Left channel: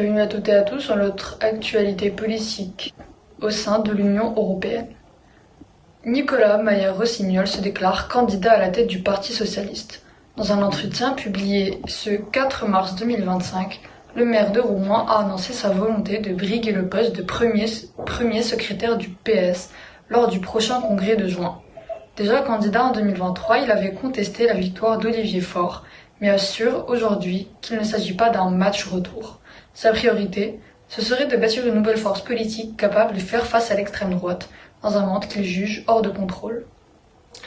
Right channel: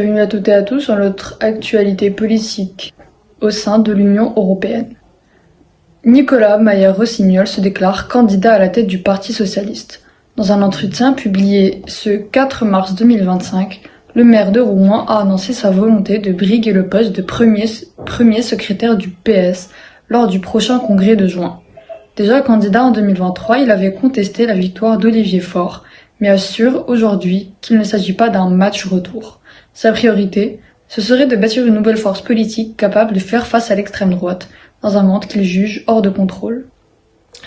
Bienvenue à toutes et à tous sur notre actualité politique au sein de l'Union européenne. Nicolas Maier-Rossignol se déclare candidat à la tête du Parti socialiste. Dans un entretien publié ce 4 mars 2025, le maire de Rouen a annoncé sa volonté de briguer le poste de premier secrétaire du PS lors du prochain congrès de juin. Déjà candidat en 2023, il avait contesté la victoire d'Olivier Faure, mais assure aujourd'hui qu'il ne s'agit pas d'un match retour. Sa priorité, ce serait de bâtir une nouvelle force politique capable de faire face à l'extrême droite, dans un monde qu'il juge hors de contrôle.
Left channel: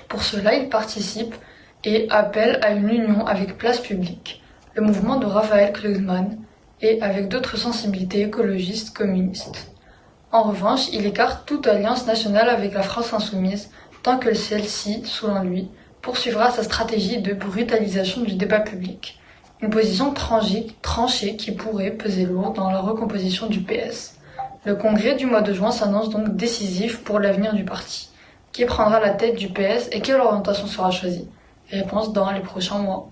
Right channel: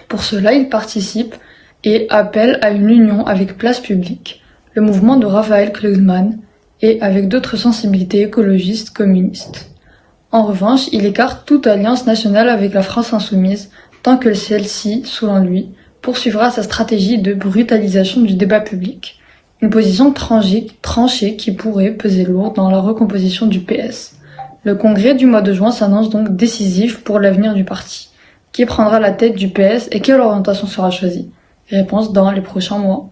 Pour cela, il participe et appelle à une union avec Place Publique, le mouvement de Raphaël Glucksmann, et avec d'autres sensibilités écologistes communistes. En revanche, il écarte toute alliance nationale avec la France insoumise, tant que celle-ci, selon lui, poursuivra sa stratégie de brutalisation du débat public. Une position tranchée qui pourrait peser lourd dans la recomposition du PS. Le congrès du mois de juin s'annonce donc décisif pour l'avenir du parti. Qui prendra la tête du PS et quelle orientation sera choisie? Réponse dans les prochains mois.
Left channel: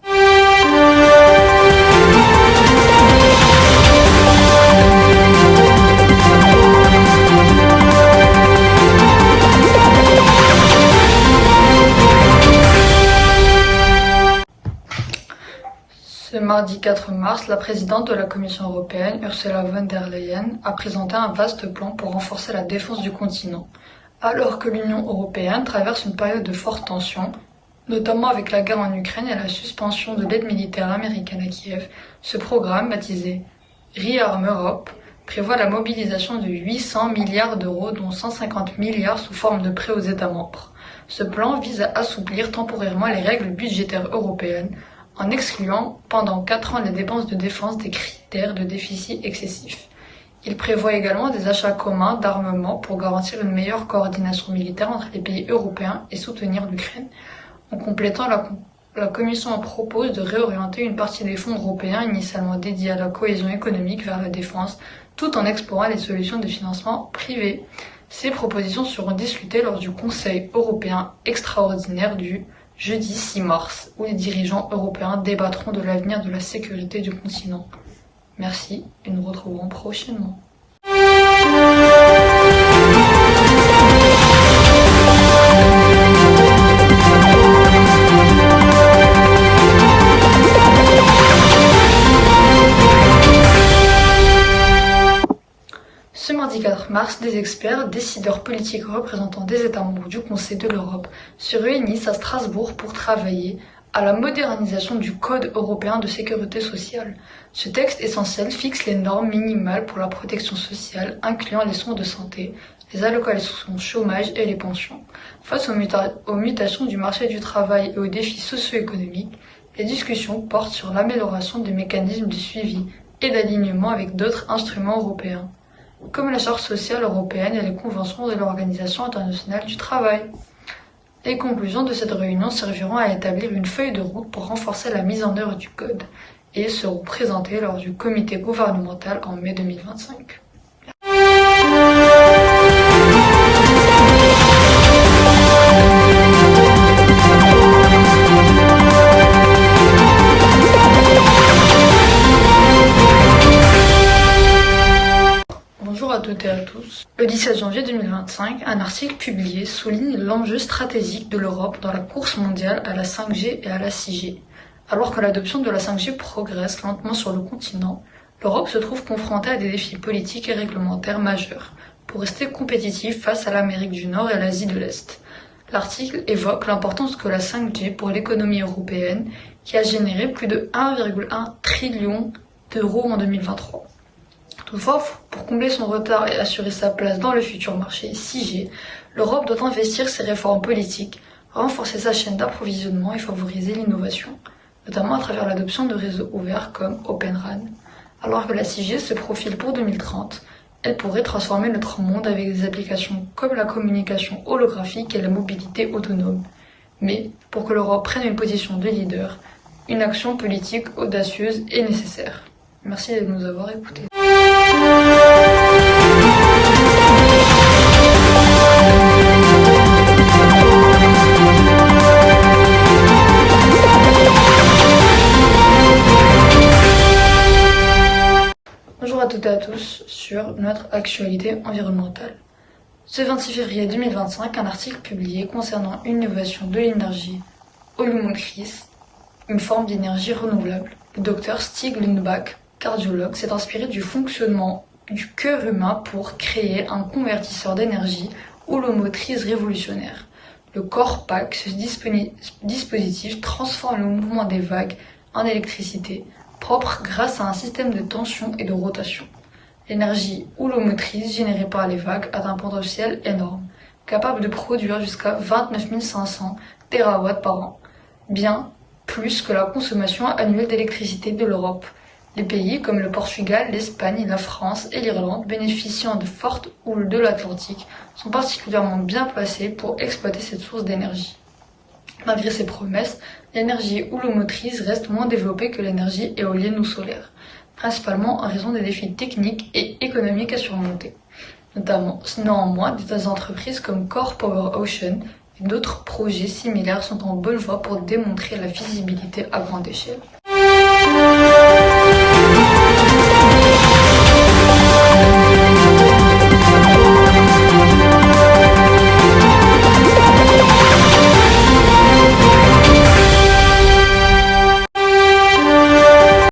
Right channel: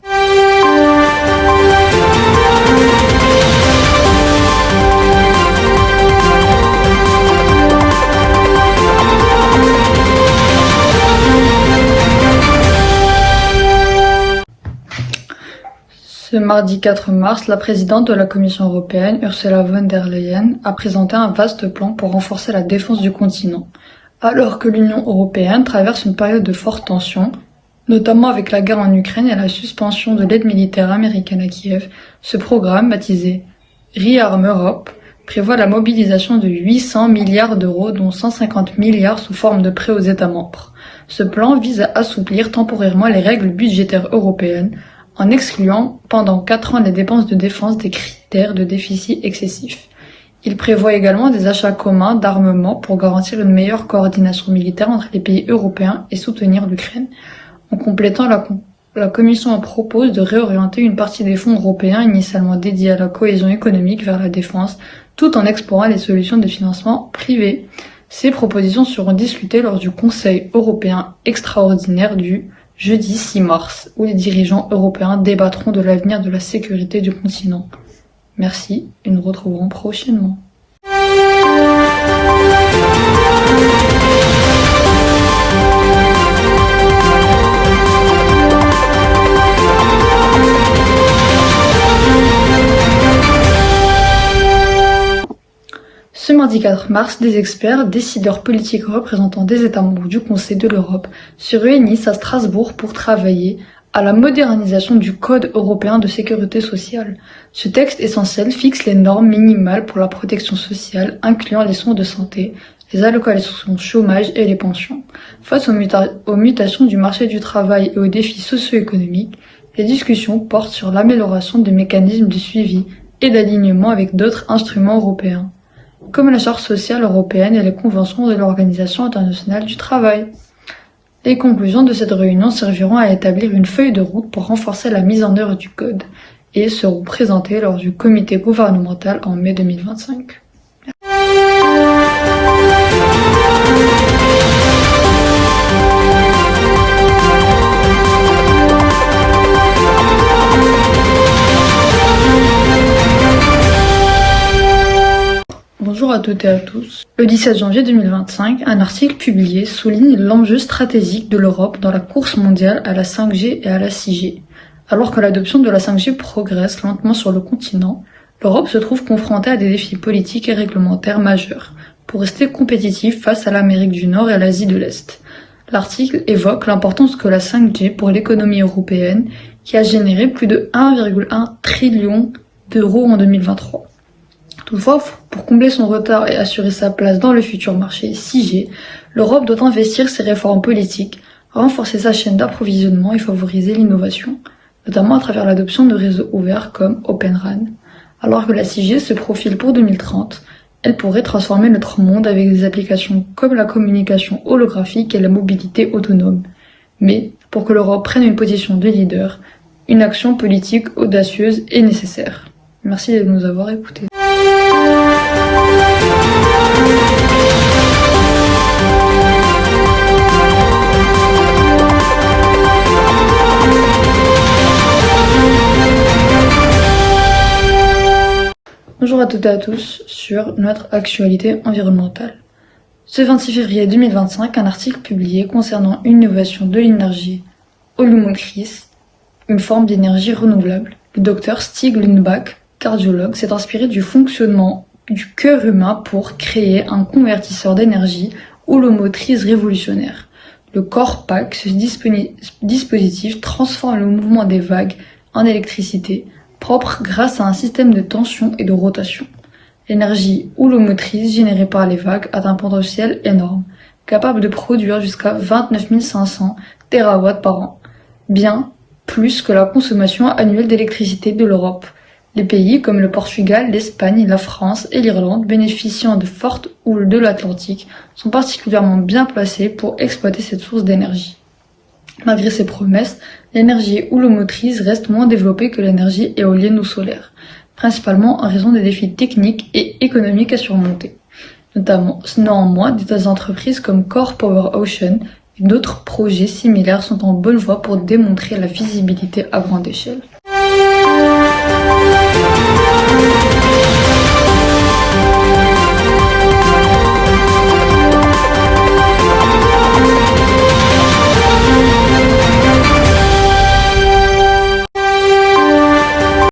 Ce mardi 4 mars, la présidente de la Commission européenne, Ursula von der Leyen, a présenté un vaste plan pour renforcer la défense du continent. Alors que l'Union européenne traverse une période de forte tension, notamment avec la guerre en Ukraine et la suspension de l'aide militaire américaine à Kiev, ce programme, baptisé ReArm Europe, prévoit la mobilisation de 800 milliards d'euros, dont 150 milliards sous forme de prêts aux États membres. Ce plan vise à assouplir temporairement les règles budgétaires européennes, en excluant pendant 4 ans les dépenses de défense des critères de déficit excessif. Il prévoit également des achats communs d'armement pour garantir une meilleure coordination militaire entre les pays européens et soutenir l'Ukraine. En complétant, la Commission propose de réorienter une partie des fonds européens initialement dédiés à la cohésion économique vers la défense, tout en explorant les solutions de financement privé. Ces propositions seront discutées lors du Conseil européen extraordinaire du jeudi 6 mars, où les dirigeants européens débattront de l'avenir de la sécurité du continent. Merci et nous retrouverons prochainement. Ce mardi 4 mars, des experts, décideurs politiques représentants des États membres du Conseil de l'Europe se réunissent à Strasbourg pour travailler à la modernisation du Code européen de sécurité sociale. Ce texte essentiel fixe les normes minimales pour la protection sociale, incluant les soins de santé, les allocations chômage et les pensions. Face aux mutations du marché du travail et aux défis socio-économiques, les discussions portent sur l'amélioration des mécanismes de suivi et d'alignement avec d'autres instruments européens, comme la Charte sociale européenne et les conventions de l'Organisation internationale du travail. Les conclusions de cette réunion serviront à établir une feuille de route pour renforcer la mise en œuvre du Code et seront présentées lors du comité gouvernemental en mai 2025. Bonjour à toutes et à tous. Le 17 janvier 2025, un article publié souligne l'enjeu stratégique de l'Europe dans la course mondiale à la 5G et à la 6G. Alors que l'adoption de la 5G progresse lentement sur le continent, l'Europe se trouve confrontée à des défis politiques et réglementaires majeurs pour rester compétitive face à l'Amérique du Nord et à l'Asie de l'Est. L'article évoque l'importance que la 5G pour l'économie européenne, qui a généré plus de 1,1 trillion d'euros en 2023. Toutefois, pour combler son retard et assurer sa place dans le futur marché 6G, l'Europe doit investir ses réformes politiques, renforcer sa chaîne d'approvisionnement et favoriser l'innovation, notamment à travers l'adoption de réseaux ouverts comme Open RAN. Alors que la 6G se profile pour 2030, elle pourrait transformer notre monde avec des applications comme la communication holographique et la mobilité autonome. Mais, pour que l'Europe prenne une position de leader, une action politique audacieuse est nécessaire. Merci de nous avoir écoutés. Bonjour à toutes et à tous sur notre actualité environnementale. Ce 26 février 2025, un article publié concernant une innovation de l'énergie holomotrice, une forme d'énergie renouvelable. Le docteur Stig Lundbach, cardiologue, s'est inspiré du fonctionnement du cœur humain pour créer un convertisseur d'énergie holomotrice révolutionnaire. Le CORPAC, ce dispositif transforme le mouvement des vagues en électricité, propre grâce à un système de tension et de rotation. L'énergie holomotrice générée par les vagues a un potentiel énorme, capable de produire jusqu'à 29 500 TWh par an, bien plus que la consommation annuelle d'électricité de l'Europe. Les pays comme le Portugal, l'Espagne, la France et l'Irlande, bénéficiant de fortes houles de l'Atlantique, sont particulièrement bien placés pour exploiter cette source d'énergie. Malgré ces promesses, l'énergie holomotrice reste moins développée que l'énergie éolienne ou solaire, principalement en raison des défis techniques et économiques à surmonter. Néanmoins, des entreprises comme Core Power Ocean et d'autres projets similaires sont en bonne voie pour démontrer la visibilité à grande échelle.